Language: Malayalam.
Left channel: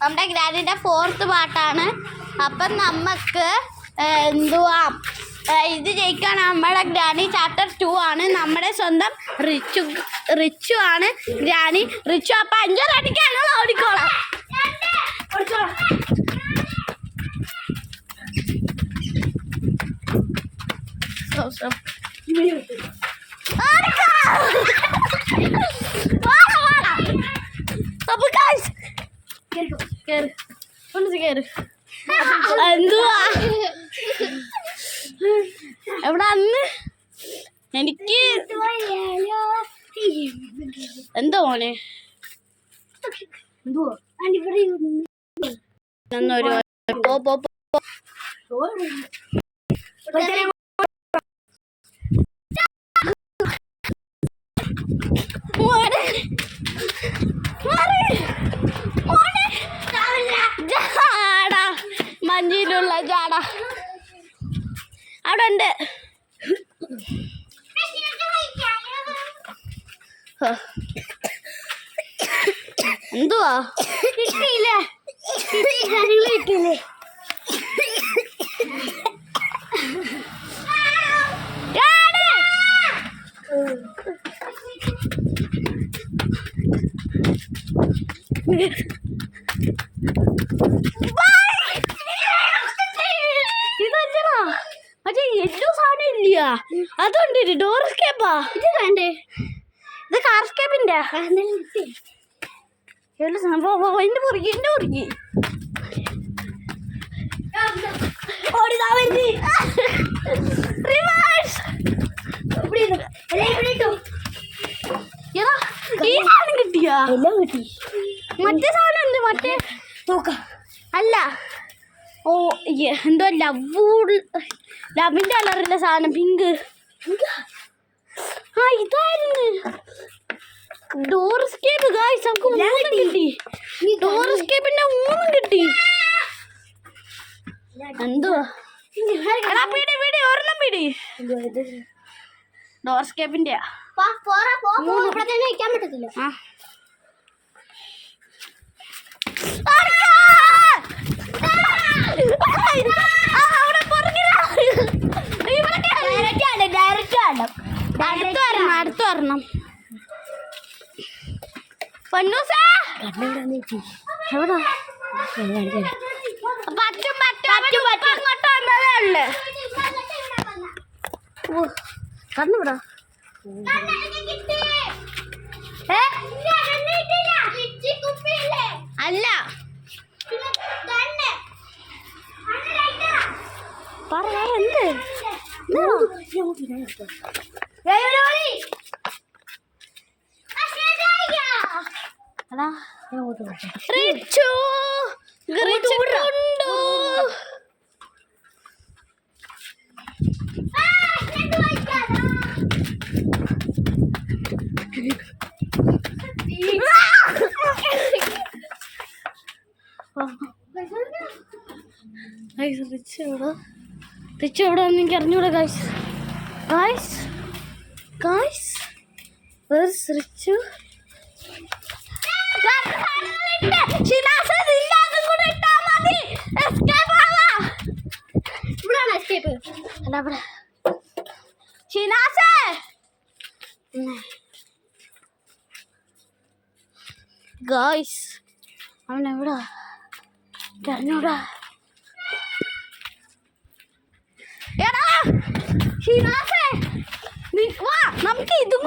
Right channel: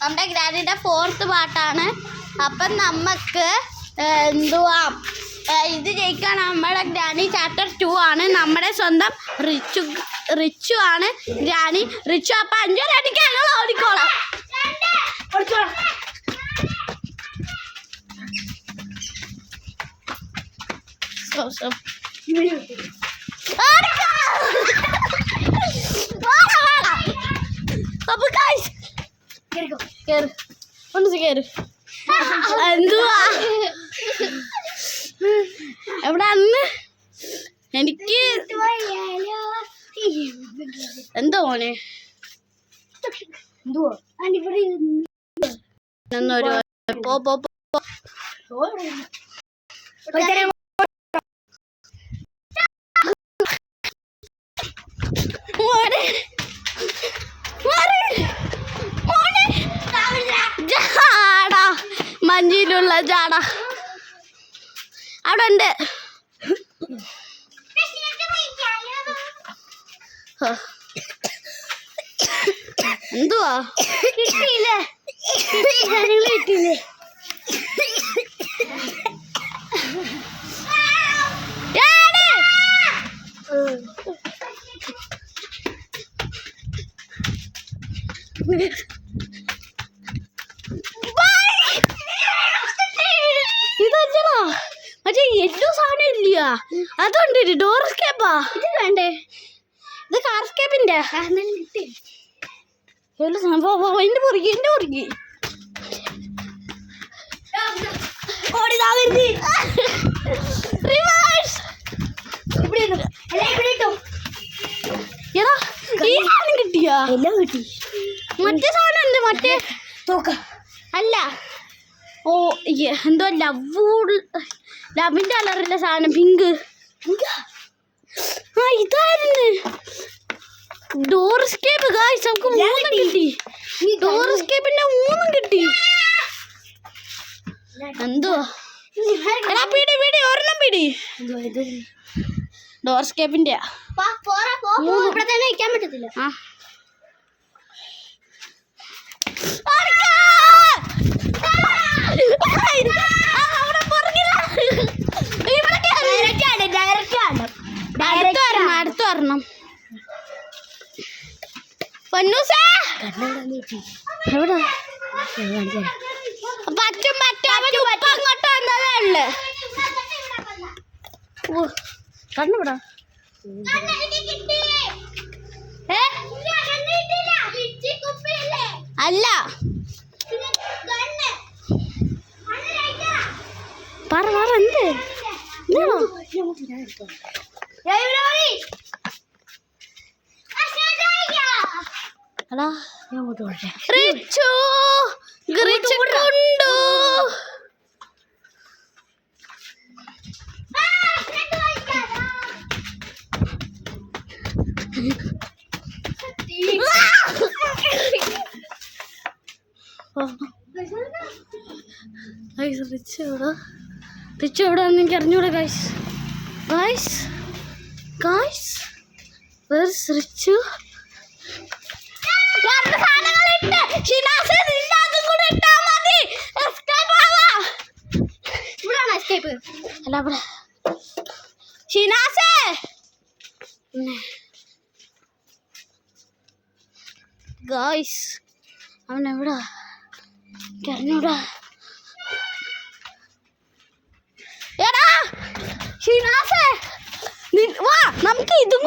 നമ്മുടെ ഗ്രാനിയുടെ 4th പാട്ടാണ്. അപ്പം നമുക്ക് എന്തുവാ ഇത് ജയിക്കാൻ നമ്മുടെ ഗ്രാനി ചാപ്റ്റർ 2 ആണ്. നമ്മുടെ സ്വന്തം റിച്ചു ആണ് ഗ്രാനി. റിച്ചു അപ്പം 5 അടിക്കാൻ ഓടിക്കോളാം. എന്തുവാ എവിടെ അന്ന് എനിക്ക് എന്തോ മോനെ മഞ്ഞിലുള്ള ജാട അവിടെ ഉണ്ട്. എന്തുവാ കിട്ടിയില്ലേ? കിട്ടിയില്ലേ? ഇതോ മറ്റേ യെല്ലോ സാധനം ഇല്ല, അതുണ്ട്. ഡോർ സ്കേപ്പാ ഇത് വേണ്ടേ? ഇത് കാർ സ്കേപ്പിന്റെ യെല്ലോ സാധനം. എന്റെ മുറുകി കിട്ടിയാ? എല്ലാം കിട്ടി. മറ്റേ സാധനം ഉണ്ട്, മറ്റേ തൂക്ക അല്ല. ഓ എന്തോ ലവിന്റെ കളറിന്റെ സാധനം, പിങ്ക്. ആ ഇതായിരുന്നു ഡോർ സ്കേപ്പ്. ഗായ്സ് നമുക്ക് 3 കിട്ടി. ഡോർ സ്കേപ്പിന്റെ 3 കിട്ടി. എന്തുവാ പിടി ഒരെണ്ണം പിടി. ഡോർ സ്കേപ്പിന്റെ വയ്ക്കാൻ പറ്റത്തില്ല. അടുത്ത് വരണം. കണ്ണുവിടാ അല്ല എന്ത് റിച്ച് എവിടെയാണെന്ന് എനിക്ക് അറിഞ്ഞൂടെ. ഗായ്സ് റിച്ചു ഗായ്സ് അവൻ എവിടാ അറിഞ്ഞൂടാ. എടാ ഷിനാസേ വാ നമുക്ക് ഇതും